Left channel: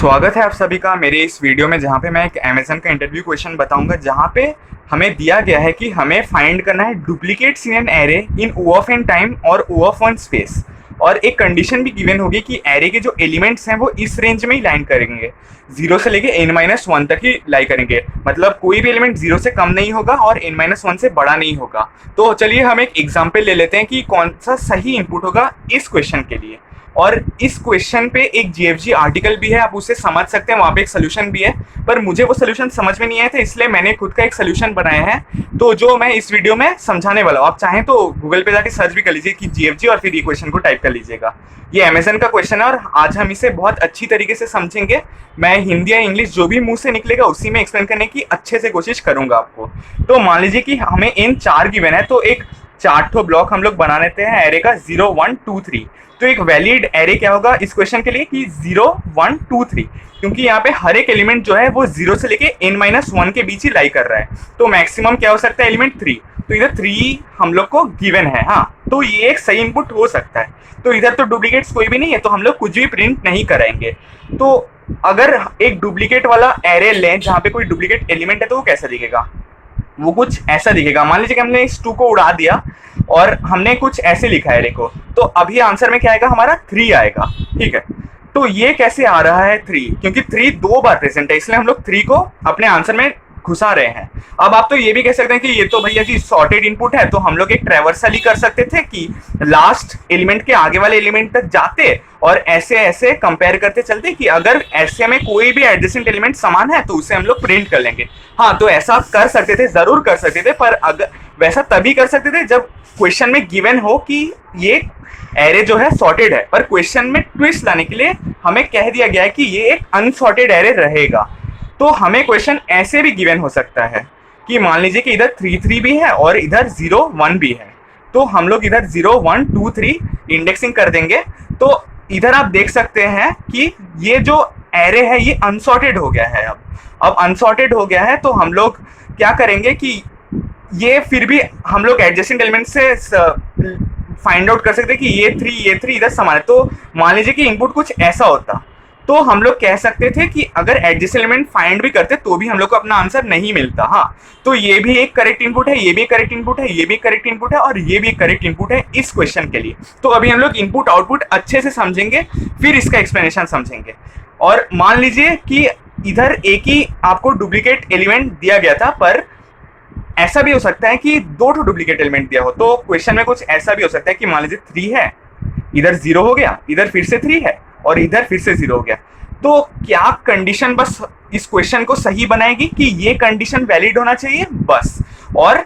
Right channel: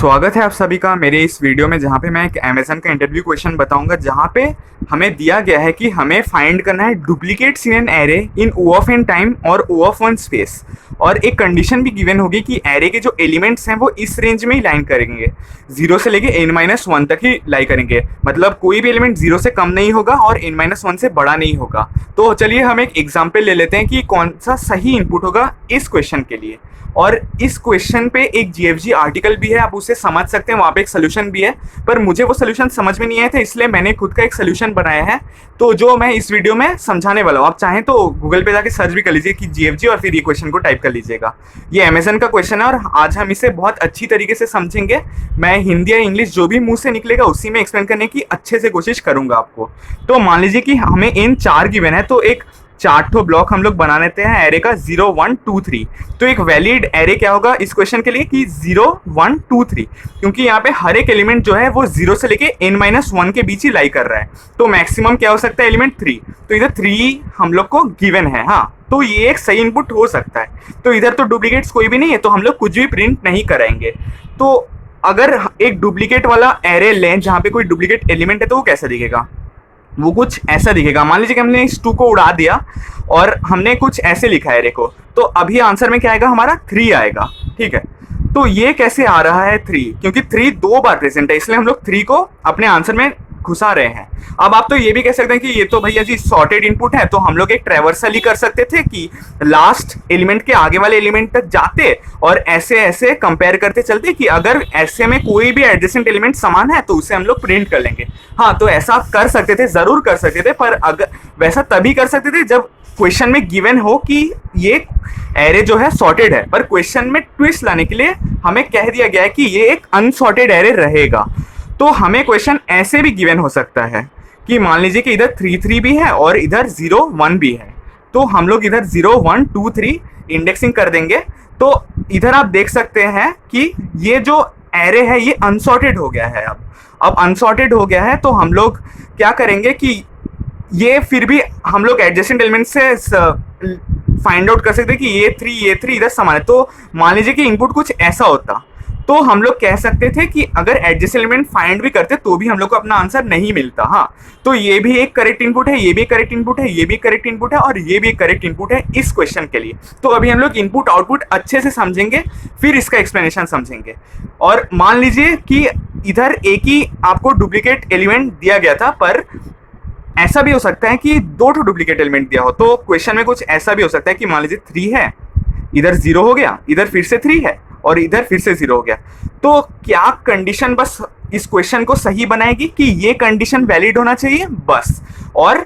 स्वागत है आप सभी का मेरे इस वीडियो में, जहाँ पे मैं एक अमेज़न का इंटरव्यू क्वेश्चन बताऊंगा, जहाँ पे हमें दिया गया है कि हमें फाइंड करना है duplicates in an array in O of N time और ओ ऑफ वन स्पेस। और एक कंडीशन भी गिवन होगी कि एरे के जो एलिमेंट्स हैं वो इस रेंज में ही लाइन करेंगे, जीरो से लेके n-1 तक ही लाई करेंगे। मतलब कोई भी एलिमेंट जीरो से कम नहीं होगा और n-1 से बड़ा नहीं होगा। तो चलिए हम एक एग्जाम्पल ले लेते हैं कि कौन सा सही इनपुट होगा इस क्वेश्चन के लिए। और इस क्वेश्चन पे एक जीएफजी आर्टिकल भी है, आप उसे समझ सकते हैं, वहाँ पे एक सोल्यूशन भी है। पर मुझे वो सोल्यूशन समझ में नहीं आया था, इसलिए मैंने खुद का एक सोल्यूशन बनाया है, तो जो मैं इस वीडियो में समझाने वाला हूँ। आप चाहें तो गूगल पे जाके सर्च भी कर लीजिए कि जीएफजी और फिर ये क्वेश्चन को टाइप कर लीजिएगा। ये अमेजन का क्वेश्चन है और आज हम इसे बहुत अच्छी तरीके से समझेंगे। मैं हिंदी या इंग्लिश जो भी मुंह से निकलेगा उसी में एक्सप्लेन करने की अच्छे से कोशिश करूंगा आपको। तो मान लीजिए कि हमें इन चार गिवन है, तो एक चार ठो ब्लॉक हम लोग बना लेते हैं एरे का 0 1 2 3। तो एक वैलिड एरे क्या होगा इस क्वेश्चन के लिए कि 0 1 2 3, क्योंकि यहाँ पे हर एक एलिमेंट जो है वो 0 से लेके n-1 के बीच ही लाई कर रहा है। तो मैक्सिमम क्या हो सकता है एलिमेंट 3, तो इधर 3 हम लोग को गिवन है। हाँ, तो ये एक सही इनपुट हो सकता है। तो इधर तो डुप्लीकेट्स कोई भी नहीं है, तो हम लोग कुछ भी प्रिंट नहीं कराएंगे। तो अगर एक डुप्लीकेट वाला एरे लें जहाँ पे कोई डुप्लीकेट एलिमेंट है तो वो कैसा दिखेगा, वो कुछ ऐसा दिखेगा। मान लीजिए कि हमने इस 2 को उड़ा दिया और हमने कुछ ऐसे लिखा है देखो, तो अभी आंसर में क्या आएगा हमारा 3 आएगा। ठीक है, तो ये कैसे आ रहा है 3, क्योंकि 3 2 बार प्रेजेंट है, इसलिए हम लोग 3 को अपने आंसर में घुसा रहे हैं। अब आप तो ये भी कह सकते हैं कि ये तो भैया जी सॉर्टेड इनपुट है, तो हम लोग एक ट्रैवर्सल ही कर सकते थे कि लास्ट एलिमेंट के आगे वाले एलिमेंट तक जाते और ऐसे ऐसे कंपेयर करते चलते कि अगर ऐसे में कोई भी एडजेसेंट एलिमेंट समान है तो उसे हम लोग प्रिंट कर लेंगे। हाँ, तो ऐसा कर सकते थे, जरूर कर सकते थे, पर अगर वैसा तभी कर सकते थे जब क्वेश्चन में गिवन हो कि ये एरे जो है सॉर्टेड है। पर क्वेश्चन में ट्विस्ट लाने के लिए हमें कह दिया गया है कि ये एक अनसॉर्टेड एरे रहेगा। तो हमें क्वेश्चन ऐसे भी गिवन हो सकता है कि मान लीजिए कि इधर 3 3 भी है और इधर 0 1 भी है, तो हम लोग इधर 0 1 2 3 इंडेक्सिंग कर देंगे। तो इधर आप देख सकते हैं कि ये जो एरे है ये अनसॉर्टेड हो गया है। अब अनसॉर्टेड हो गया है, तो हम लोग क्या करेंगे कि ये फिर भी हम लोग एडजेसेंट एलिमेंट से फाइंड आउट कर सकते हैं कि ये 3 इधर समान है। तो मान लीजिए कि इनपुट कुछ ऐसा होता, तो हम लोग कह सकते थे कि अगर एडजेसेंट एलिमेंट फाइंड भी करते तो भी हम लोग को अपना आंसर नहीं मिलता। हाँ, तो ये भी एक करेक्ट इनपुट है, ये भी एक करेक्ट इनपुट है, ये भी एक करेक्ट इनपुट है और ये भी एक करेक्ट इनपुट है इस क्वेश्चन के लिए। तो अभी हम लोग इनपुट आउटपुट अच्छे से समझेंगे, फिर इसका एक्सप्लेनेशन समझेंगे। और मान लीजिए कि इधर एक ही आपको डुप्लीकेट एलिमेंट दिया गया था, पर ऐसा भी हो सकता है कि 2 डुप्लीकेट एलिमेंट दिया हो। तो क्वेश्चन में कुछ ऐसा भी हो सकता है कि मान लीजिए 3 है, इधर 0 हो गया, इधर फिर से 3 है और इधर फिर से 0 हो गया। तो क्या कंडीशन बस इस क्वेश्चन को सही बनाएगी कि ये कंडीशन वैलिड होना चाहिए बस। और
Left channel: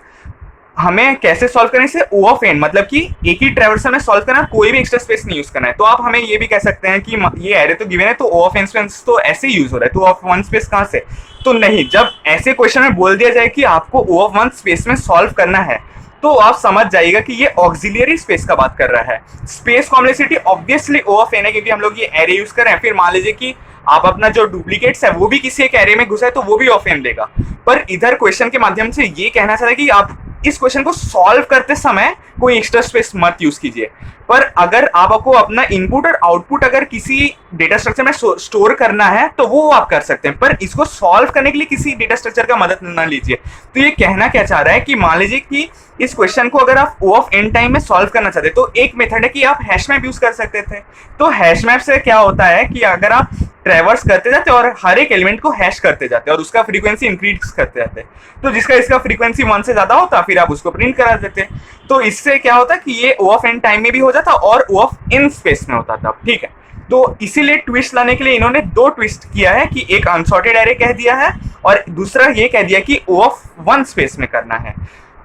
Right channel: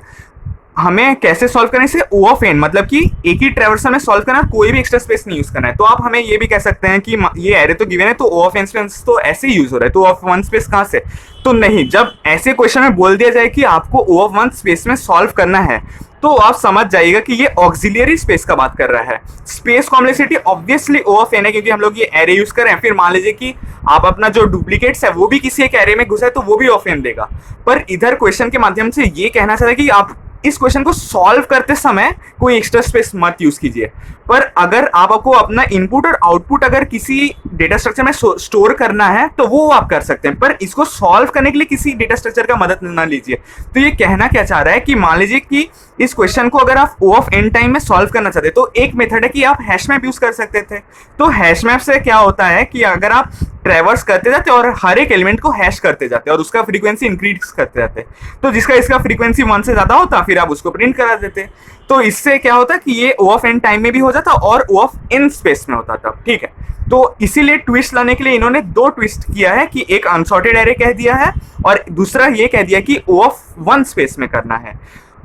हमें कैसे सॉल्व करने से ओ ऑफ एन, मतलब कि एक ही ट्रैवर्सल में सॉल्व करना, कोई भी एक्स्ट्रा स्पेस नहीं यूज करना है। तो आप हमें ये भी कह सकते हैं कि ये एरे तो गिवन है तो ओ ऑफ एन स्पेस तो ऐसे ही यूज हो रहा है, तो ओ ऑफ वन स्पेस कहाँ से। तो नहीं, जब ऐसे क्वेश्चन में बोल दिया जाए कि आपको ओ ऑफ वन स्पेस में सॉल्व करना है, तो आप समझ जाइएगा कि ये ऑक्सिलियरी स्पेस का बात कर रहा है। Space complexity obviously O of N है, क्योंकि हम लोग ये एरे यूज कर रहे हैं। फिर मान लीजिए कि आप अपना जो डुप्लीकेट्स है वो भी किसी एक एरे में घुसा है, तो वो भी ऑफ एन लेगा। पर इधर क्वेश्चन के माध्यम से ये कहना चाहता है कि आप इस क्वेश्चन को सॉल्व करते समय कोई एक्स्ट्रा स्पेस मत यूज कीजिए। पर अगर आपको अपना इनपुट और आउटपुट अगर किसी डेटा स्ट्रक्चर में स्टोर करना है तो वो आप कर सकते हैं, पर इसको सॉल्व करने के लिए किसी डेटा स्ट्रक्चर का मदद ना लीजिए। तो ये कहना क्या चाह रहा है कि मान लीजिए कि इस क्वेश्चन को अगर आप ओ ऑफ एन टाइम में सॉल्व करना चाहते हैं, तो एक मेथड है कि आप हैश मैप यूज कर सकते थे। तो हैश मैप से क्या होता है कि अगर आप ट्रैवर्स करते जाते और हर एक एलिमेंट को हैश करते जाते और उसका फ्रीक्वेंसी इंक्रीज करते जाते, तो जिसका इसका फ्रीक्वेंसी 1 से ज्यादा होता फिर आप उसको प्रिंट करा देते। तो इससे क्या होता कि ये ओ ऑफ एन टाइम में भी हो जाता और ओ ऑफ इन स्पेस में होता था। ठीक है, तो इसीलिए ट्विस्ट लाने के लिए इन्होंने 2 ट्विस्ट किया है कि एक अनसॉर्टेड एरे कह दिया है और दूसरा ये कह दिया कि ओ ऑफ वन स्पेस में करना है।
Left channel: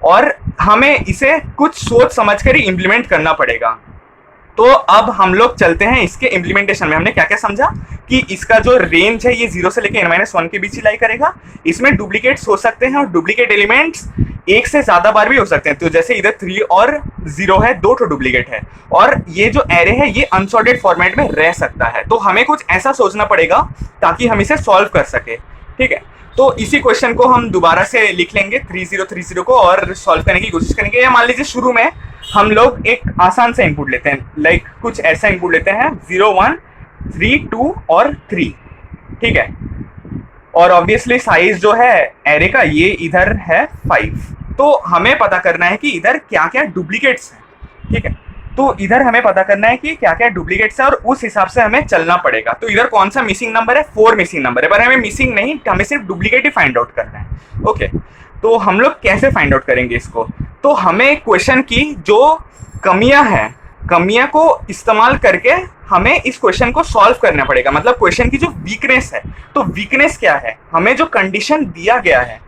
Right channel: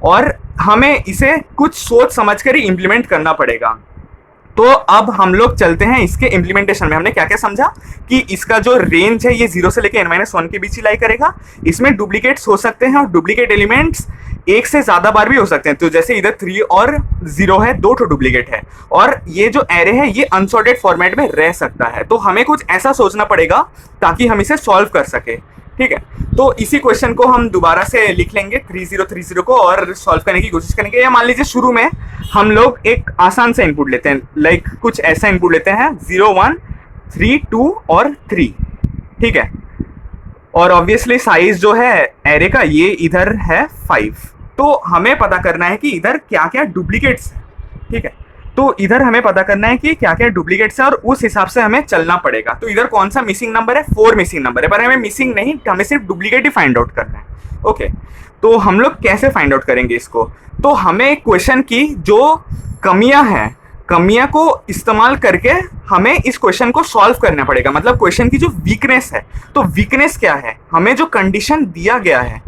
और हमें इसे कुछ सोच समझ कर ही इंप्लीमेंट करना पड़ेगा। तो अब हम लोग चलते हैं इसके इम्प्लीमेंटेशन में। हमने क्या क्या समझा कि इसका जो रेंज है ये 0 से लेकर n-1 के बीच ही लाई करेगा। इसमें डुप्लीकेट्स हो सकते हैं और डुप्लीकेट एलिमेंट्स एक से ज्यादा बार भी हो सकते हैं। तो जैसे इधर 3 और 0 है, 2 डुप्लीकेट है और ये जो एरे है ये अनसॉर्टेड फॉर्मेट में रह सकता है। तो हमें कुछ ऐसा सोचना पड़ेगा ताकि हम इसे सॉल्व कर सके। ठीक है, तो इसी क्वेश्चन को हम दोबारा से लिख लेंगे 3030 को और सॉल्व करने की कोशिश करेंगे। या मान लीजिए शुरू में हम लोग एक आसान सा इनपुट लेते हैं, लाइक कुछ ऐसा इनपुट लेते हैं 0 1 3 2 और 3। ठीक है। और ऑब्वियसली साइज जो है एरे का ये इधर है 5। तो हमें पता करना है कि इधर क्या क्या डुप्लीकेट्स हैं, ठीक है। तो इधर हमें पता करना है कि क्या क्या डुप्लीकेट्स हैं और उस हिसाब से हमें चलना पड़ेगा। तो इधर कौन सा मिसिंग नंबर है, 4 मिसिंग नंबर है, पर हमें मिसिंग नहीं, हमें सिर्फ डुप्लीकेट ही फाइंड आउट करना है। ओके, तो हम लोग कैसे फाइंड आउट करेंगे इसको? तो हमें क्वेश्चन की जो कमियां हैं, कमियां को इस्तेमाल करके हमें इस क्वेश्चन को सॉल्व करना पड़ेगा। मतलब क्वेश्चन की जो वीकनेस है, तो वीकनेस क्या है, हमें जो कंडीशन दिया गया है,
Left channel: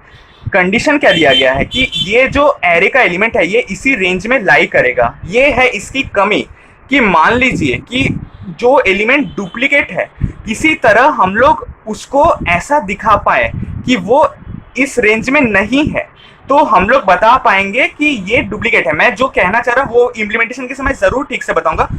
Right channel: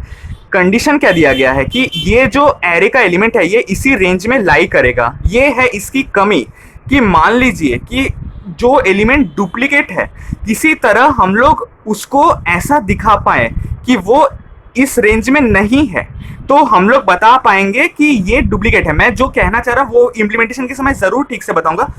कंडीशन क्या दिया गया है कि ये जो एरे का एलिमेंट है ये इसी रेंज में लाई करेगा। ये है इसकी कमी कि मान लीजिए कि जो एलिमेंट डुप्लीकेट है किसी तरह हम लोग उसको ऐसा दिखा पाए कि वो इस रेंज में नहीं है, तो हम लोग बता पाएंगे कि ये डुप्लीकेट है। मैं जो कहना चाह रहा हूँ वो इम्प्लीमेंटेशन के समय जरूर ठीक से बताऊंगा।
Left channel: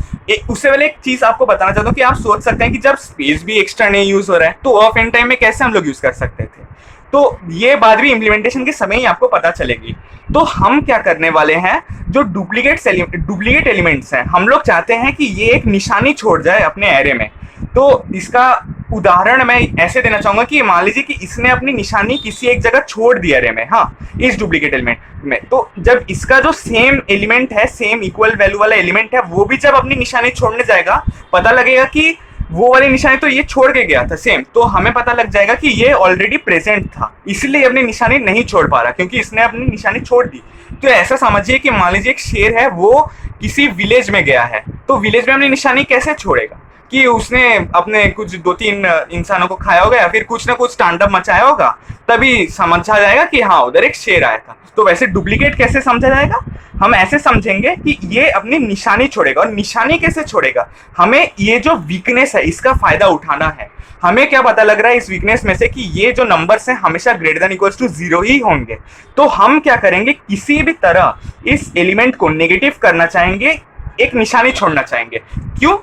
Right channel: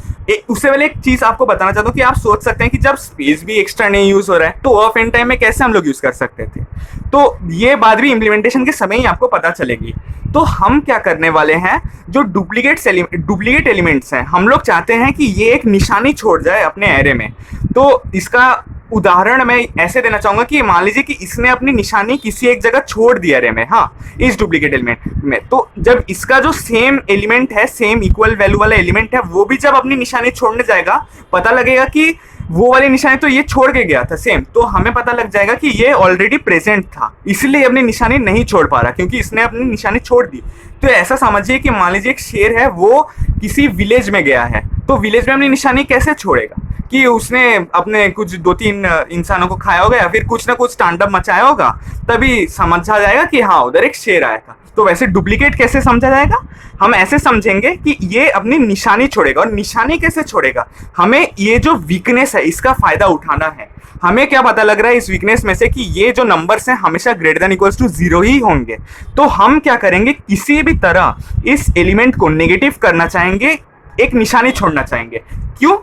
उससे पहले एक चीज आपको बताना चाहता हूँ कि आप सोच सकते हैं कि जब स्पेस भी एक्स्ट्रा नहीं यूज हो रहा है तो ऑफ एंड टाइम में कैसे हम लोग यूज कर सकते थे। तो ये बात भी इम्प्लीमेंटेशन के समय ही आपको पता चलेगी। तो हम क्या करने वाले हैं, जो डुप्लीकेट एलिमेंट्स हैं हम लोग चाहते हैं कि ये एक निशानी छोड़ जाए अपने एरे में। तो इसका उदाहरण मैं ऐसे देना चाहूंगा कि मान लीजिए कि इसने अपनी निशानी किसी एक जगह छोड़ दी एरे में, हाँ, इस डुप्लीकेट एलिमेंट में। तो जब इसका जो सेम एलिमेंट है, सेम इक्वल वैल्यू वाला एलिमेंट है, वो भी जब अपनी निशानी छोड़ने जाएगा पता लगेगा कि वो वाली निशानी तो ये छोड़ के गया था सेम, तो हमें पता लग जाएगा कि ये ऑलरेडी प्रेजेंट था, इसलिए अपनी निशानी नहीं छोड़ पा रहा क्योंकि इसने अपनी निशानी छोड़ दी। तो ऐसा समझिए कि मान लीजिए एक शेर है, वो किसी विलेज में गया है, तो विलेज में अपनी निशानी कैसे छोड़ेगा कि उसने अपने कुछ 2-3 इंसानों को खाया होगा या फिर कुछ ना कुछ तांडव मचाया होगा, तभी समझा जाएगा कि हाँ उधर एक शेर आया था। तो वैसे डुप्लीकेट कैसे समझा जाएगा, हम ऐसे समझेंगे कि ये अपनी निशानी छोड़ेगा। और निशानी कैसे छोड़ेगा, हमें ये जो वीकनेस है इसका फायदा उठाना है। हमें क्या पता लग रहा है इस वीकनेस में से कि ये जो नंबर्स हैं हमेशा ग्रेटर देन इक्वल्स टू 0 ही होंगे। तो हम क्या करेंगे, किसी भी तरह इस एलिमेंट को नेगेटिव करना चाहेंगे, एक निशानी छोड़ना चाहेंगे। क्यों?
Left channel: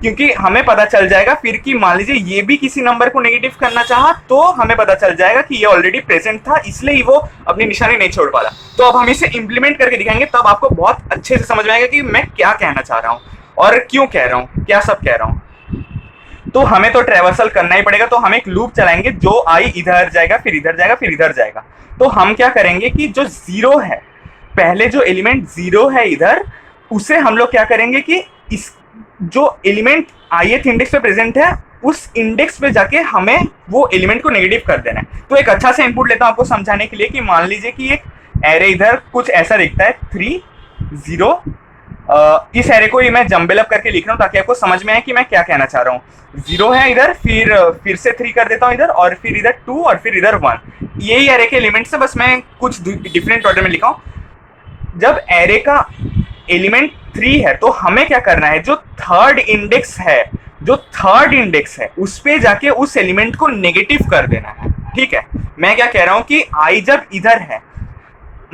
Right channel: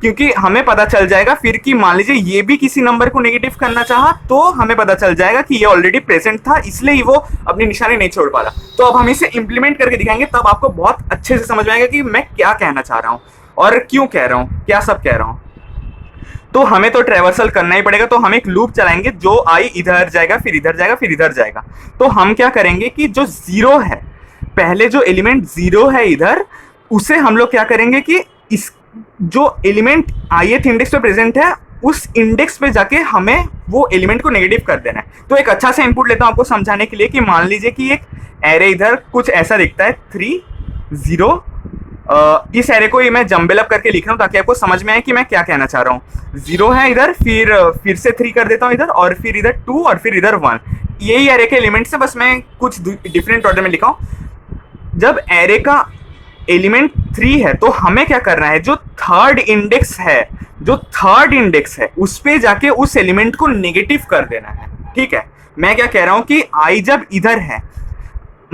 क्योंकि हमें पता चल जाएगा फिर कि मान लीजिए ये भी किसी नंबर को नेगेटिव करना चाहा तो हमें पता चल जाएगा कि ये ऑलरेडी प्रेजेंट था, इसलिए ही वो अपनी निशानी नहीं छोड़ पा रहा। तो अब हम इसे इंप्लीमेंट करके दिखाएंगे, तब आपको बहुत अच्छे से समझ में आएगा कि मैं क्या कहना चाह रहा हूँ और क्यों कह रहा हूँ, क्या सब कह रहा हूँ। तो हमें तो ट्रेवर्सल करना ही पड़ेगा। तो हम एक लूप चलाएंगे, जो आई इधर जाएगा, फिर इधर जाएगा, फिर इधर जाएगा। तो हम क्या करेंगे कि जो 0 है, पहले जो एलिमेंट 0 है इधर, उसे हम लोग क्या करेंगे कि इस जो एलिमेंट ith इंडेक्स पे प्रेजेंट है उस इंडेक्स पे जाके हमें वो एलिमेंट को नेगेटिव कर देना है। तो एक अच्छा सा इनपुट लेता हूं आपको समझाने के लिए कि मान लीजिए कि एक एरे इधर कुछ ऐसा दिखता है 3 0। इस एरे को ये मैं जंबल अप करके लिख रहा हूँ ताकि आपको समझ में आए कि मैं क्या कहना चाह रहा हूँ। 0 है इधर, फिर से 3 कर देता हूँ इधर, और फिर इधर 2 और फिर इधर 1। यही एरे के एलिमेंट्स है, बस मैं कुछ डिफरेंट ऑर्डर में लिखा हूँ। जब एरे का एलिमेंट 3 है तो हमें क्या करना है, जो थर्ड इंडेक्स है उस पे जाके उस एलिमेंट को नेगेटिव कर देना है। ठीक है, मैं क्या कह रहा हूं कि आई जब इधर है,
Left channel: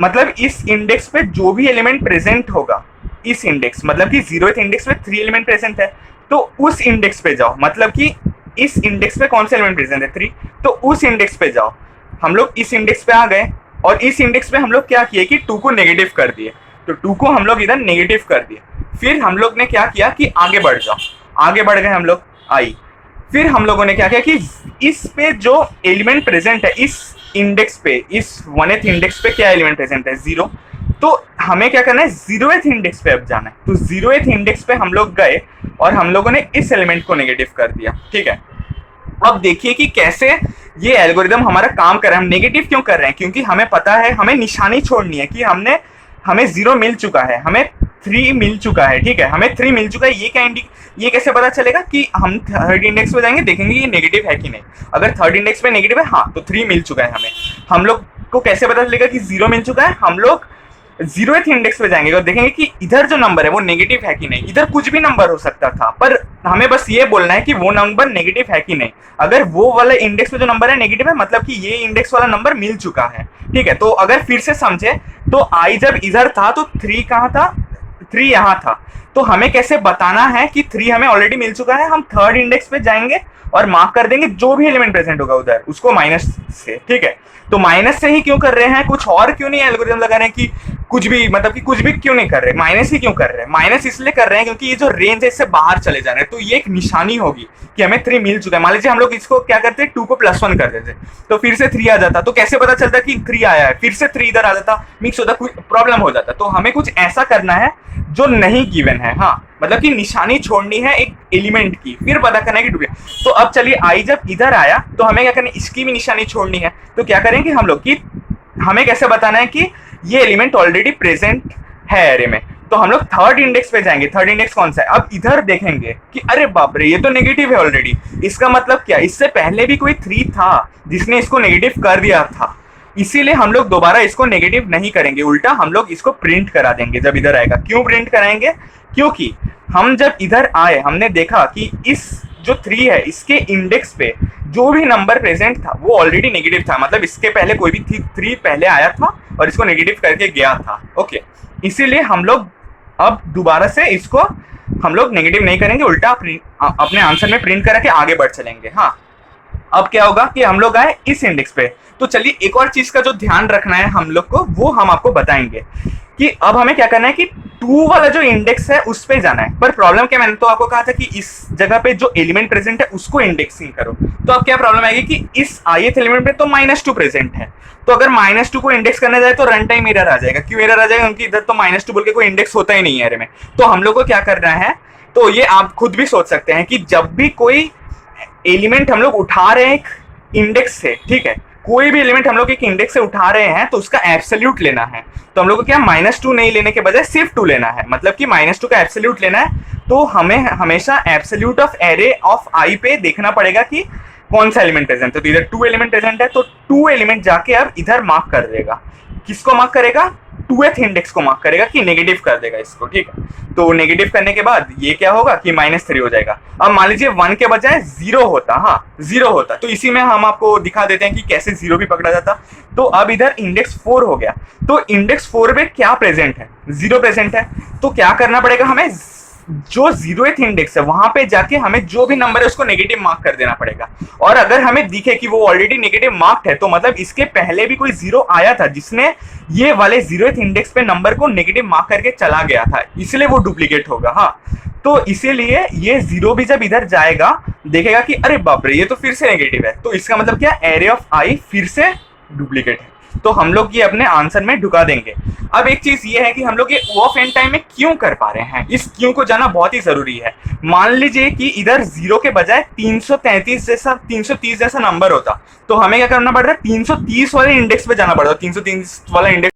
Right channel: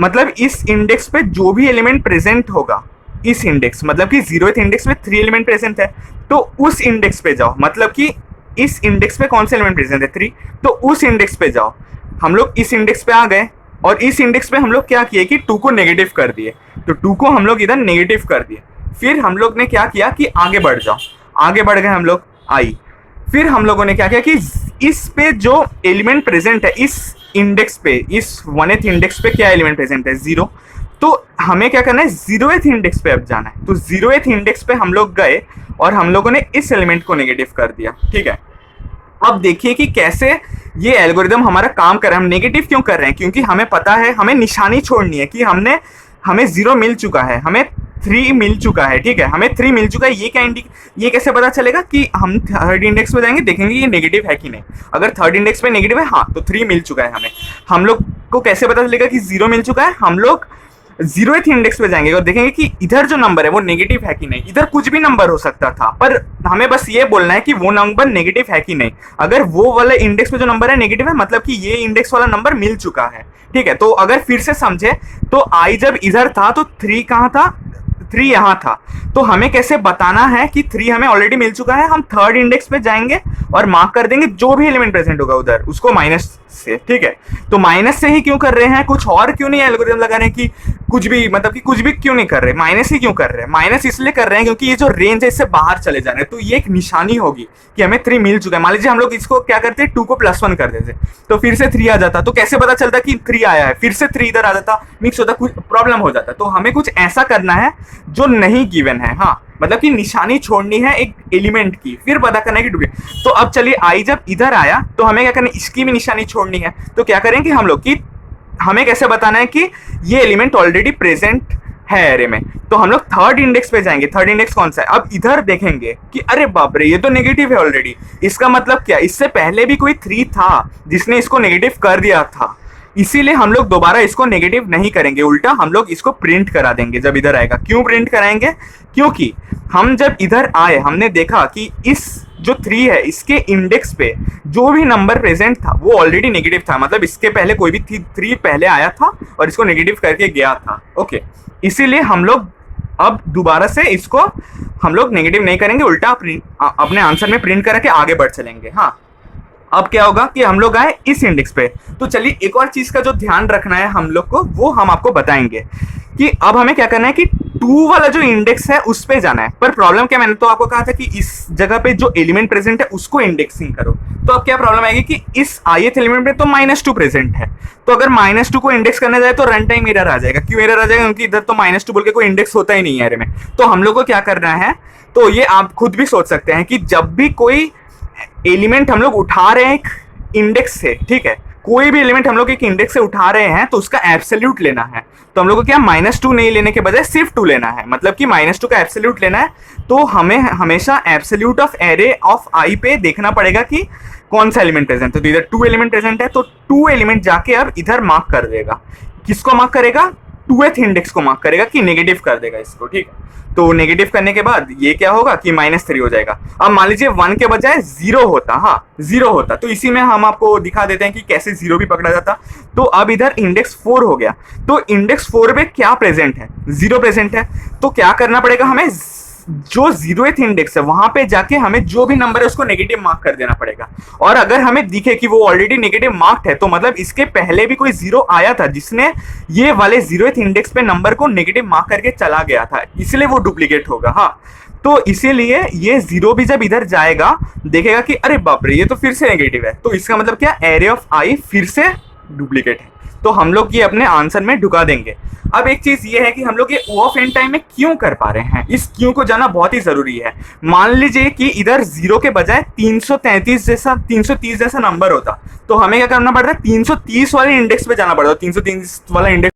मतलब इस इंडेक्स पे जो भी एलिमेंट प्रेजेंट होगा, इस इंडेक्स मतलब कि 0th इंडेक्स पे 3 एलिमेंट प्रेजेंट है, तो उस इंडेक्स पे जाओ। मतलब कि इस इंडेक्स पे कौन से एलिमेंट प्रेजेंट है, 3, तो उस इंडेक्स पे जाओ। हम लोग इस इंडेक्स पे आ गए और इस इंडेक्स पे हम लोग क्या किए कि 2 को नेगेटिव कर दिए, तो 2 को हम लोग इधर नेगेटिव कर दिए। फिर हम लोग ने क्या किया कि आगे बढ़ जाओ, आगे बढ़ गए हम लोग आई। फिर हम लोगों ने क्या किया कि इस पे जो एलिमेंट प्रेजेंट है, इस इंडेक्स पे, इस 1th इंडेक्स पे क्या एलिमेंट प्रेजेंट है, 0। तो हमें क्या करना है, 0th इंडेक्स पे अब जाना है। तो 0th इंडेक्स पे हम लोग गए और हम लोगों ने इस एलिमेंट को नेगेटिव कर दिया। ठीक है, अब देखिए कि कैसे ये एल्गोरिदम हमारा काम कर रहा है। हम नेगेटिव क्यों कर रहे हैं, क्योंकि हमें पता है, हमें निशानी छोड़नी है कि हमें 0 मिल चुका है, हमें 3 मिल चुका है। ठीक है, हमें 3 मिल चुका है। ये कैसे पता चलेगा कि हम थर्ड इंडेक्स पे जाएंगे, देखेंगे ये नेगेटिव है कि नहीं। अगर थर्ड इंडेक्स पे नेगेटिव है, हाँ, तो 3 मिल चुका है हमें। हम लोग को कैसे पता चलेगा कि 0 मिल चुका है, हम लोग 0th इंडेक्स पे जाएंगे और देखेंगे कि इधर जो नंबर है वो नेगेटिव है कि नहीं। इधर कुछ भी नंबर हो सकता था, पर हमें बस ये बोलना है कि वो नंबर नेगेटिव है कि नहीं। अगर वो वाले इंडेक्स पे जो नंबर है नेगेटिव है, मतलब कि ये इंडेक्स वाला नंबर मिल चुका है। ठीक है, तो अगर फिर से समझे तो आई जब इधर था तो 3 कहाँ था, 3 यहाँ था। तो हमें कैसे बताना है कि 3 हमें ऑलरेडी मिल चुका है। हम थर्ड इंडेक्स पे जाएंगे और मार्क कर देंगे जो भी एलिमेंट प्रेजेंट होगा उधर, उसको माइनस से। ठीक है, तो माइनस से ही क्यों कर रहे हैं, कुछ और क्यों नहीं एल्गोरिथम लगा रहे हैं कि कुछ भी मतलब कि कुछ भी क्यों नहीं कर रहे, माइनस ही क्यों कर रहे हैं? माइनस इसलिए कर रहे हैं क्योंकि ये जो रेंज है इससे बाहर चले जा रहे हैं, तो ये एक निशानी होगी कि हमें 3 मिल चुका है। मान लीजिए हम लोग इसको क्या करते हैं, 2 को +1 कर देते, तो फिर से 3 आ जाता, तो कैसे पता चलता कि 3 आया है, फिर से 3 इधर आ जाता, मिक्स होता, कुछ प्रॉब्लम हो जाता। तो हमें कुछ ऐसा करना है जो नहीं गिवन है, हाँ मतलब कि निशानी छोड़नी है एक एलिमेंट की, फिर पता करना है कि डुप्लीकेट। तो अब चलिए आई जब इधर आया तो हमें क्या करना है, इसकी भी निशानी छोड़नी है। तो क्या करेंगे हम लोग कि हमें कैसे बताना है कि ये एलिमेंट ऑलरेडी प्रेजेंट है एरे में, तो हम लोग थर्ड इंडेक्स पे जाएंगे। थर्ड इंडेक्स कौन सा है, अब इधर देखेंगे कि अरे बाप रे ये तो नेगेटिव है ऑलरेडी। इसका मतलब क्या, इससे पहले भी कोई 3 था जिसने इसको नेगेटिव कर दिया था, इसीलिए हम लोग दोबारा इसको नेगेटिव नहीं करेंगे, उल्टा हम लोग इसको प्रिंट करा देंगे जब इधर आएगा। क्यों प्रिंट कराएंगे, क्योंकि हम जब इधर आए हमने देखा कि इस जो 3 है इसके इंडेक्स पे जो भी नंबर प्रेजेंट था वो ऑलरेडी नेगेटिव था, मतलब इसके पहले कोई भी 3 पहले आया था और इसको नेगेटिव करके गया था। ओके, इसीलिए हम लोग अब दोबारा से इसको हम लोग नेगेटिव नहीं करेंगे, उल्टा अपने आंसर में प्रिंट करा के आगे बढ़ चलेंगे। हाँ, अब क्या होगा कि हम लोग आए इस इंडेक्स पे, तो चलिए एक और चीज का जो ध्यान रखना है हम लोग को वो हम आपको बताएंगे कि अब हमें क्या करना है कि 2 वाला जो इंडेक्स है उस पे जाना है। पर प्रॉब्लम क्या, मैंने तो आपको कहा था कि इस जगह पे जो एलिमेंट प्रेजेंट है उसको इंडेक्सिंग करो, तो अब क्या प्रॉब्लम आएगी कि इस ith एलिमेंट पे तो -2 प्रेजेंट है, तो अगर -2 को इंडेक्स करने जाए तो रन टाइम एरर आ जाएगा। क्यों एरर आ जाएगा, क्योंकि इधर तो -2 बोल के कोई इंडेक्स होता ही नहीं है एरे में। तो हम लोग को क्या करना है, तो ये आप खुद भी सोच सकते हैं कि जब भी कोई एलिमेंट हम लोग उठा रहे हैं एक इंडेक्स से, ठीक है, कोई भी एलिमेंट हम लोग एक इंडेक्स से उठा रहे हैं तो उसका एब्सोल्यूट लेना है। तो हम लोग को क्या -2 नहीं लेने के बजाय सिर्फ 2 लेना है, मतलब कि -2 का एब्सोल्यूट लेना है। तो हमें हमेशा एब्सोल्यूट ऑफ एरे ऑफ आई पे देखना पड़ेगा कि कौन सा एलिमेंट प्रेजेंट है। तो इधर 2 एलिमेंट प्रेजेंट है, तो 2 एलिमेंट जाके अब इधर मार्क कर देगा। किसको मार्क करेगा, 2th इंडेक्स को मार्क करेगा कि नेगेटिव कर देगा इसको, ठीक है। तो नेगेटिव करने के बाद ये क्या होगा कि -3 हो जाएगा। अब मान लीजिए 1 के बजाय 0 होता, हाँ 0 होता, तो इसी में हम आपको दिखा देते हैं कि कैसे 0 भी पकड़ा जाता। तो अब इधर इंडेक्स 4 हो गया, तो इंडेक्स 4 पे क्या प्रेजेंट है, 0 प्रेजेंट है। तो क्या करना पड़ेगा हमें, जो 0th इंडेक्स है वहां पे जाके हमें जो भी नंबर है उसको नेगेटिव मार्क कर देना पड़ेगा। और अगर हमें दिखे कि वो ऑलरेडी नेगेटिव मार्क्ड है तो मतलब इसके पहले भी कोई 0 आया था जिसने ये वाले 0th इंडेक्स पे नंबर को नेगेटिव मार्क करके चला गया था, इसलिए वो डुप्लीकेट होगा। हाँ, तो इसीलिए ये 0 भी जब इधर जाएगा देखेगा कि अरे बाप रे ये तो फिर से नेगेटिव है, तो इसका मतलब क्या, एरे ऑफ आई फिर से डुप्लीकेट है, तो हम लोग ये अपने आंसर में ढुका देंगे। अब एक चीज ये है कि हम लोग ये O ऑफ n टाइम में क्यों कर पा रहे हैं, इस क्यों को जाना बहुत ही जरूरी है। मान लीजिए कि इधर 0 के बजाय 330 जैसा नंबर होता, तो हमें क्या करना पड़ रहा है, 330 वाले इंडेक्स पे जाना पड़ता, 330 वाला इंडेक्स।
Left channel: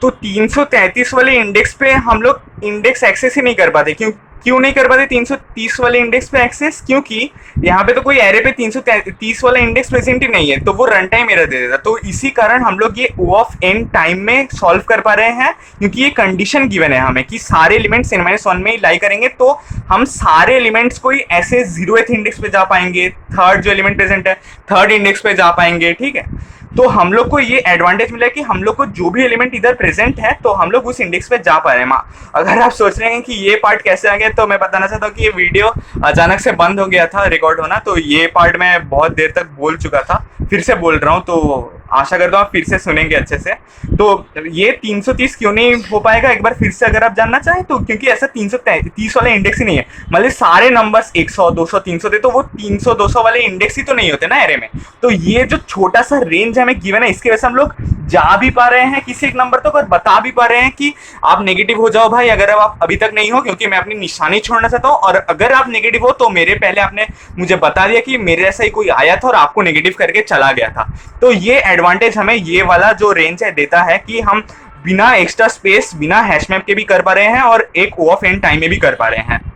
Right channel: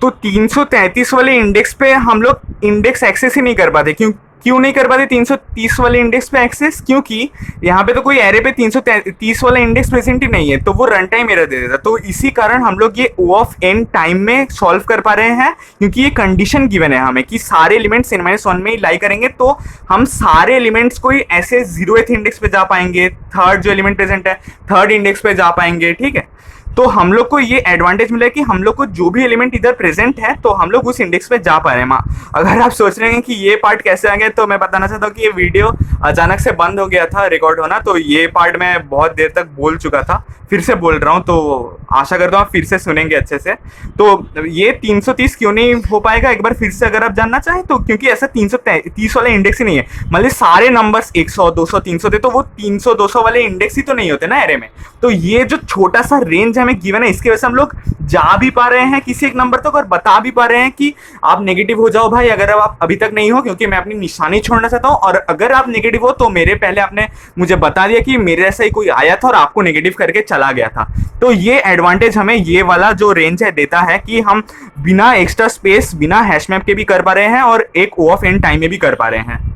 तो 333 वाले इंडेक्स पे हम लोग इंडेक्स एक्सेस ही नहीं कर पाते। क्यों नहीं कर पाते 330 वाले इंडेक्स पे एक्सेस, क्योंकि यहाँ पे तो कोई एरे पे 330 वाला इंडेक्स प्रेजेंट ही नहीं है, तो वो रन टाइम एरर दे देता। तो इसी कारण हम लोग ये O ऑफ n टाइम में सॉल्व कर पा रहे हैं, क्योंकि ये कंडीशन गिवन है हमें कि सारे एलिमेंट्स n-1 में ही लाई करेंगे, तो हम सारे एलिमेंट्स को ही ऐसे 0th इंडेक्स पे जा पाएंगे, थर्ड जो एलिमेंट प्रेजेंट है थर्ड इंडेक्स पे जा पाएंगे, ठीक है। तो हम लोग को ये एडवांटेज मिला है कि हम लोग को जो भी एलिमेंट इधर प्रेजेंट है तो हम लोग उस इंडेक्स पे जा पा रहे हैं। अगर आप सोच रहे हैं कि ये पार्ट कैसे आ गया, तो मैं बताना चाहता हूँ कि ये वीडियो अचानक से बंद हो गया था रिकॉर्ड होना, तो ये पार्ट मैं बहुत देर तक बोल चुका था, फिर से बोल रहा हूँ, तो आशा करता हूँ आप फिर से सुनेंगे अच्छे से। तो ये 330 क्यों नहीं हो पाएगा एक बार फिर से अगर आप जानना चाहें तो, क्योंकि ऐसा 330 वाला इंडेक्स ही नहीं है। मतलब सारे नंबर्स 100 200 300 थे, तो वो 300 200 वाले इंडेक्स ही तो नहीं होते ना एरे में। तो ये जो छोटा सा रेंज हमें गिवन है इसकी वजह से हम लोग जा भी पा रहे हैं किसी एक नंबर तक, और बता भी पा रहे हैं कि आप नेगेटिव हो जाओ भाई अगर आप अभी तक नहीं हो, क्योंकि मैं अपनी निशानी छोड़ना चाहता हूँ। और अगर आप नेगेटिव हो तो मेरे पहले आपने मुझे बता दिया कि मेरे ऐसा ही कोई आया था और आपको नेगेटिव करके चला गया था। तो ये एडवांटेज हमें ये वाला जो रेंज है देता है कि हम बिना एक्स्ट्रा स्पेस बिना हैश मैप के भी कर पा रहे हैं और एक O ऑफ n टाइम में भी कर पा रहे हैं।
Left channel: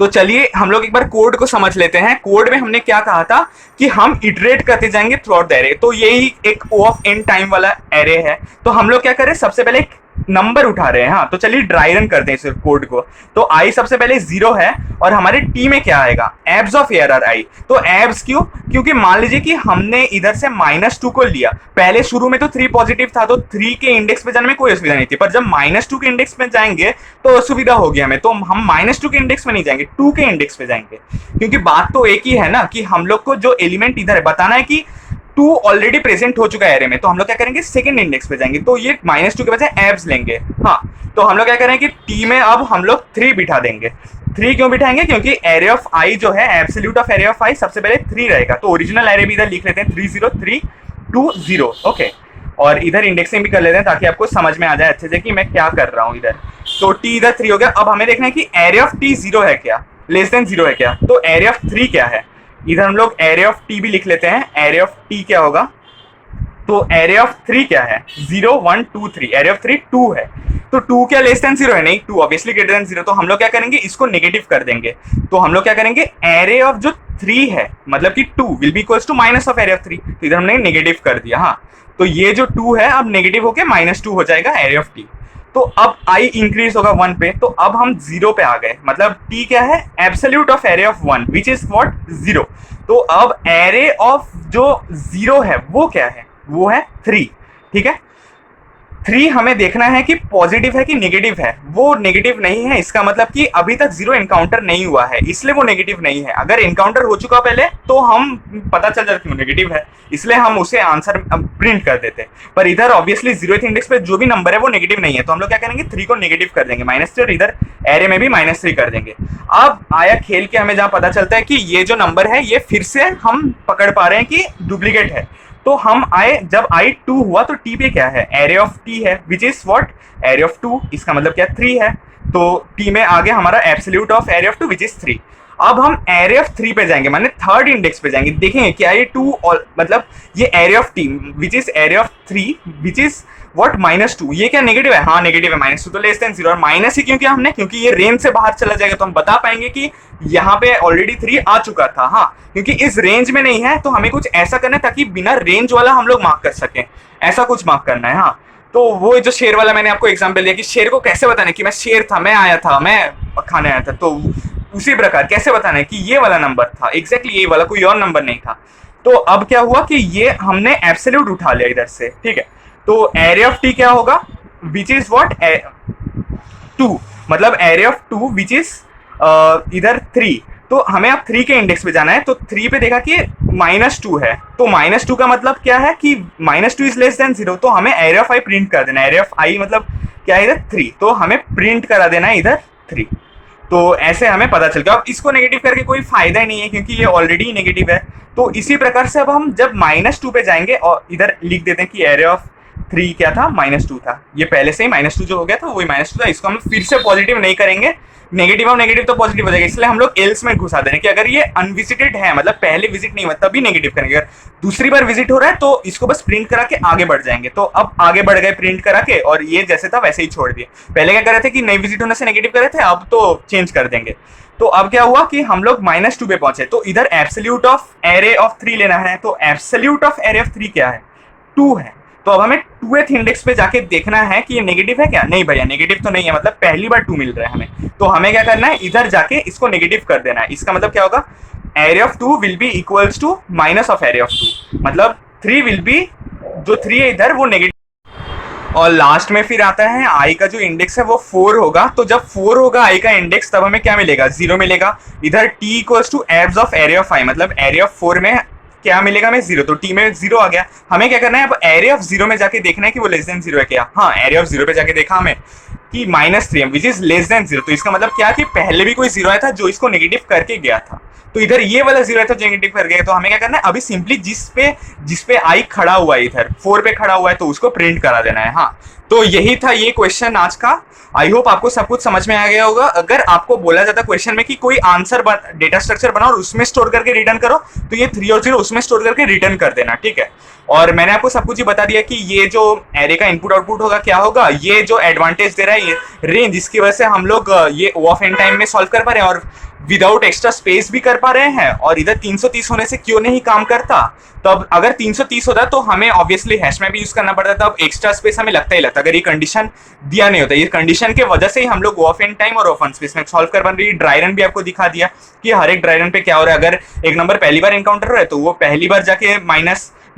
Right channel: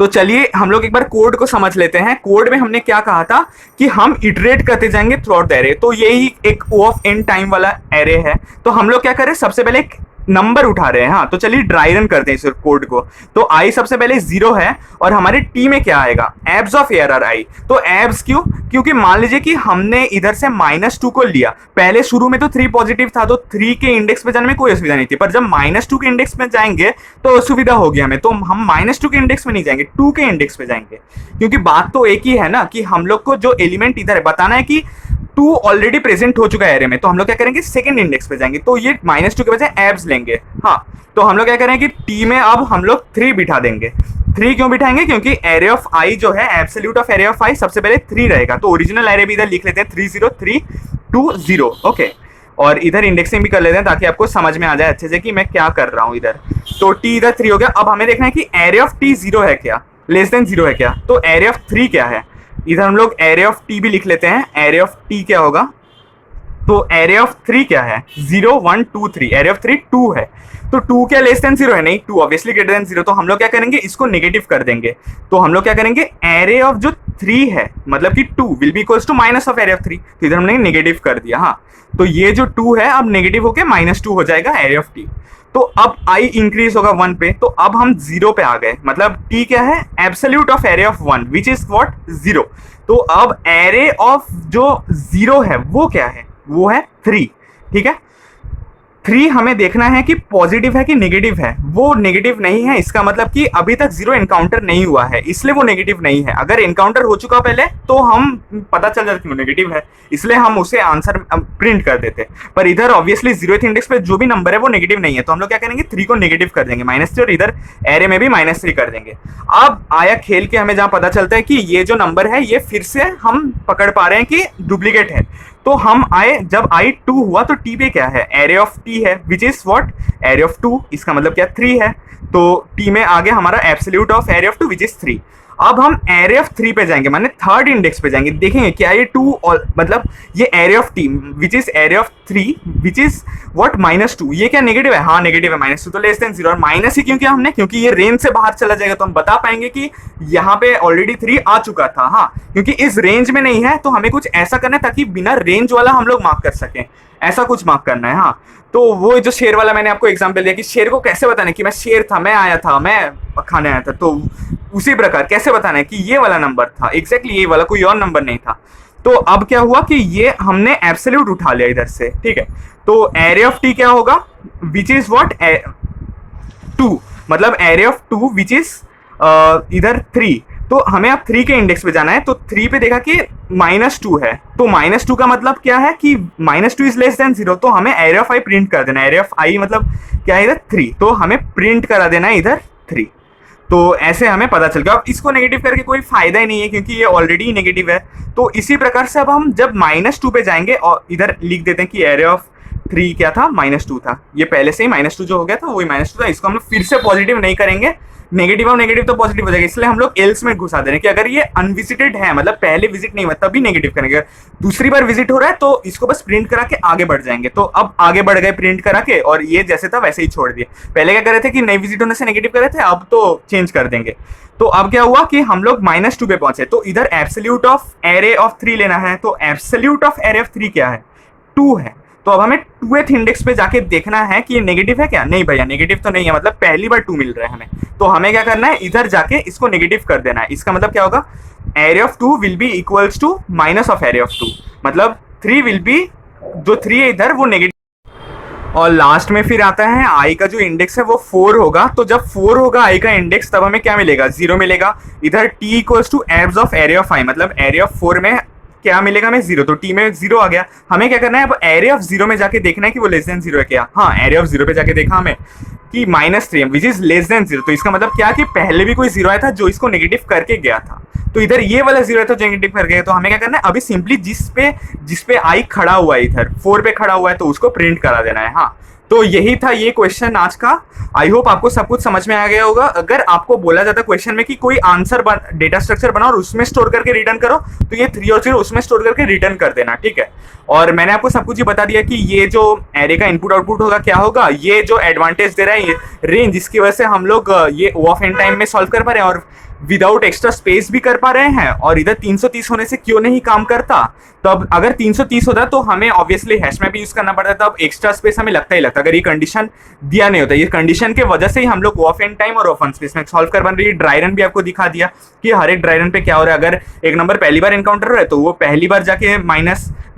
तो चलिए हम लोग एक बार कोड को समझ लेते हैं। कोड में हमने क्या कहा था कि हम इटरेट करते जाएंगे थ्रू आउट द एरे, तो यही एक O ऑफ n टाइम वाला एरे है। तो हम लोग क्या करें, सबसे पहले एक नंबर उठा रहे हैं। हाँ, तो चलिए ड्राई रन करते हैं इस कोड को। तो i सबसे पहले 0 है और हमारे t में क्या आएगा, एब्स ऑफ एरर i। तो एब्स क्यों, क्योंकि मान लीजिए कि हमने इधर से -2 को लिया, पहले शुरू में तो 3 पॉजिटिव था, तो 3 के इंडेक्स पे जाने में कोई असुविधा नहीं थी, पर जब -2 के इंडेक्स में जाएंगे तो असुविधा होगी हमें। तो हम -2 के इंडेक्स में नहीं जाएंगे, 2 के इंडेक्स पे जाएंगे, क्योंकि बात तो एक ही है ना कि हम लोग को जो एलिमेंट इधर है बताना है कि टू ऑलरेडी प्रेजेंट हो चुका है एरे में, तो हम लोग क्या करेंगे सेकंड इंडेक्स पे जाएंगे, तो ये -2 के बजाय एब्स लेंगे। हाँ, तो हम लोग क्या करेंगे कि टी में अब हम लोग 3 बिठा देंगे। 3 क्यों बिठाएंगे? क्योंकि एरे ऑफ आई जो है, एब्सोल्यूट ऑफ एरे ऑफ आई सबसे पहले 3 रहेगा, तो ओरिजिनल एरे भी इधर लिख लेते हैं 3 0 3 2 0। ओके, और इधर इंडेक्सिंग भी कर लेते हैं ताकि आपको समझ में आ जाए अच्छे से कि मैं क्या कर रहा हूँ इधर। तो टी इधर 3 हो गया। अब हमें देखना है कि एरे ऑफ टी 0 है क्या, लेस देन 0 है क्या, तो एरे ऑफ 3 क्या है। इधर हम लोग एरे ऑफ टी भी लिख लेते हैं, एरे ऑफ टी क्या होगा, तो एरे ऑफ 3 क्या है, 0 1 2 3, एरे ऑफ 3 2 है, तो 2 क्या लेस देन 0 है, नहीं 2 ऑब्वियसली ग्रेटर देन 0, तो हम लोग क्या करेंगे इसको नेगेटिव कर देंगे। तो हम लोग क्या करेंगे, एरे ऑफ जो 3 है मतलब कि 2 will be equals to minus of array of 3, तो इधर हमने नेगेटिव कर दिया। हाँ, तो ये जो 2 है अब नेगेटिव होके -2 हो जाएगा एरे ऑफ टी। तो अब i इंक्रीज होगा 1 पे, तो अब हम 0 पे आ गए, मतलब t क्या है, absolute of array of 1 which is what 0। तो अब एरे ऑफ जो 0 है वो क्या है, वो है 3। ठीक है, 3 हमें देखना है कि पॉजिटिव है कि नेगेटिव है, वो नेगेटिव नहीं है, इसका मतलब कि अभी तक 0 एनकाउंटर नहीं हुआ है, इसलिए वो नेगेटिव नहीं है। अगर एनकाउंटर हो चुका पहले तो हम पता चल जाता क्यों नेगेटिव है, इसलिए हम उसे आंसर प्रिंट कर देते। पर इधर ऑब्वियसली 0th इंडेक्स पे जो भी नंबर है वो नेगेटिव नहीं है, तो हम लोग क्या करेंगे 3 को नेगेटिव कर देंगे -3, और इधर एरे में भी -3 कर देंगे। अब आया खेल के हमें जहां पता चलता है कि ये जो नंबर है ये फिर से हम पकड़ पा रहे हैं कि डुप्लीकेट है। तो हम आए, जब i 2 हुआ तो t पे क्या है, एरे ऑफ t है which is what array of 2, इसका मतलब क्या 3 है, तो t में आ गया हमारा absolute of array of 2 which is 3। अब हम एरे ऑफ 3 पे जाएंगे, माने थर्ड इंडेक्स पे जाएंगे, देखेंगे क्या ये 2 मतलब ये array of t which is array of 3 which is what -2, ये क्या नेगेटिव है, हाँ नेगेटिव है, -2 तो लेस देन 0, और माइनस ही क्यों किया हमने, क्योंकि ये रेंज से बाहर चला जाएगा, तो हम बता पाएंगे कि यहाँ पे ऑलरेडी 3 आ चुका था। हाँ, क्योंकि इस रेंज में नहीं है तो हमें कुछ ऐसा करना है ताकि बिना रेंज वाला हम लोग मार्क कर सकें, ऐसा कुछ मार्क करना है। हाँ, तो वो जो शेर वाला मैंने आपको एग्जांपल दिया कि शेर को कैसे बताना है कि मैं शेर था, मैं आया था, मैं खाने आया था, तो उसी प्रकार कैसे बताना है कि ये वाला नंबर था, एग्जैक्टली ये वाला, कोई और नंबर नहीं था। तो अब क्या हुआ कि ये हमने एब्सोल्यूट उठा लिया इधर से। ठीक है, तो एरे ऑफ टी क्या होगा, विच इज व्हाट 2, मतलब एरे ऑफ 2 विच इज इधर 3, तो हमें अब 3 के इंडेक्स पे जाना है, तो 3 पे देखा कि -2 है, तो -2 का मतलब क्या है कि -2 इज लेस देन 0, तो हमें एरे ऑफ आई प्रिंट कर देना है। एरे ऑफ आई मतलब क्या है इधर 3, तो हमें प्रिंट करा देना है इधर 3। तो ऐसे हमें पता चल गया। अब इसको नेगेटिव करके कोई फायदा ही नहीं है क्योंकि ये ऑलरेडी नेगेटिव है। तो इसी प्रकार से अब हम जब -2 पे जाएंगे और इधर लिख देते हैं कि एरे ऑफ 3 क्या था, -2 था, ये पहले से ही -2 जो हो गया था वही -2 था, इसको हम लोग फिर से पॉजिटिव नहीं करेंगे, नेगेटिव और नेगेटिव तो पॉजिटिव हो जाएगा, इसलिए हम लोग एल्स में घुसा दे रहे हैं कि अगर ये अनविजिटेड है, मतलब पहले विजिट नहीं हुआ तभी नेगेटिव करेंगे, अगर दूसरी बार विजिट हो रहा है तो इसको बस प्रिंट करा के आगे बढ़ जाएंगे। तो अब आगे बढ़ गए प्रिंट करा के, और ये जैसे था वैसे ही छोड़ दिए। पहले क्या कर रहे थे कि नई विजिट होने से नेगेटिव कर रहे थे, अब तो चेंज कर देंगे। तो अब क्या हुआ कि हम लोग -2 पे पहुंचे, तो इधर एब्सोल्यूट ऑफ एरे ऑफ 3 लेना है, तो एब्सोल्यूट ऑफ एरे ऑफ 3 क्या है, 2 है। तो अब हमें 2th इंडेक्स पे जाके देखना है कि ये नेगेटिव है क्या, नहीं भैया नेगेटिव तो नहीं है, मतलब पहली बार 2 मिल रहा है हमें, तो हमें क्या करना है इधर जाके इसको नेगेटिव कर देना है। इसका मतलब क्या होगा, array of 2 will be equals to minus of array of 2, मतलब 3 विल बी, जो 3 है इधर वो नेगेटिव। और लास्ट में फिर आता है आई का जो इंडेक्स है वो 4 होगा, तो जब 4 होगा आई का इंडेक्स तब हमें क्या मिलेगा, 0 मिलेगा। इधर t equals to abs of array of I, मतलब एरे ऑफ 4 में क्या मिलेगा हमें 0, तो t में 0 आ गया। हमें क्या करना है अब एरे ऑफ 0 में जाके देखना है कि वो लेस देन 0 है क्या। हाँ, एरे ऑफ 0 पे जाके देखा हमें कि -3 है विच इज लेस देन 0, तो इसका मतलब क्या कि पहले भी कोई 0 आया था जो इसको नेगेटिव करके गया था, तो इधर ये वाला 0 है तो नेगेटिव कर गया। तो हमें क्या करना है अभी सिंपली जिस पे आई खड़ा हुआ है, इधर 4 पे खड़ा हुआ है, तो उसको प्रिंट करा देना है। हाँ, तो यही था ये क्वेश्चन आज का। आई होप आपको सब कुछ समझ में आ गया होगा। अगर आपको बोला जाता क्वेश्चन में कि कोई आंसर डेटा स्ट्रक्चर बनाओ और उसमें स्टोर करके रिटर्न करो, तो ये 3 और 0 उसमें स्टोर करके रिटर्न कर देना, ठीक है। और मैंने आपको सब कुछ ही बता दिया कि ये जो एरे का इनपुट आउटपुट होगा क्या होगा, ये जो एडवांटेज दे रहा है ये रेंज, इसकी वजह से हम लोग ये O ऑफ n टाइम में सॉल्व कर पा रहे हैं और विदाउट एक्स्ट्रा स्पेस भी कर पा रहे हैं। और इधर 330 होने से क्यों नहीं काम करता, तब अगर 330 होता तो हमें ऑब्वियसली हैश मैप यूज करना पड़ता, तब एक्स्ट्रा स्पेस हमें लगता ही लगता अगर ये कंडीशन दिया नहीं होता। ये कंडीशन के वजह से ही हम लोग O ऑफ n टाइम और O ऑफ n स्पेस में सॉल्व कर बन रही है। ड्राई रन भी आपको दिखा दिया कि हर एक ड्राई रन पे क्या हो रहा है। अगर एक नंबर पहली बार एनकाउंटर हो रहा है तो वो पहली बार जाके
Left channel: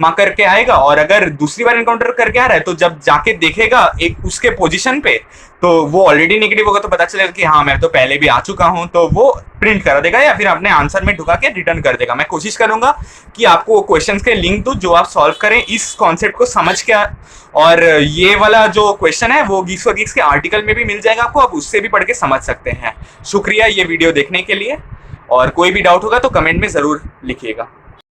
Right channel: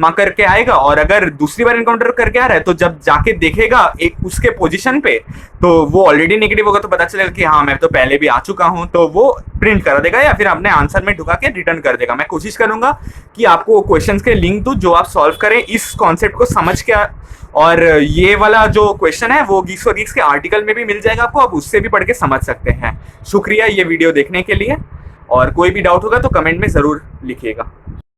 मार्क करके आएगा, और अगर दूसरी बार इनकाउंटर करके आ रहा है तो जब जाके देखेगा एक उसके पोजीशन पे, तो वो ऑलरेडी नेगेटिव होगा, तो पता चलेगा कि हाँ मैं तो पहले भी आ चुका हूँ, तो वो प्रिंट कर देगा या फिर अपने आंसर में ढुका के रिटर्न कर देगा। मैं कोशिश करूंगा कि आपको क्वेश्चंस के लिंक दूं जो आप सॉल्व करें इस कॉन्सेप्ट को समझ के। और ये वाला जो क्वेश्चन है वो गीक्स फॉर गीक्स के आर्टिकल में भी मिल जाएगा आपको, आप उससे भी पढ़ के समझ सकते हैं। शुक्रिया ये वीडियो देखने के लिए, और कोई भी डाउट होगा तो कमेंट में जरूर लिखिएगा।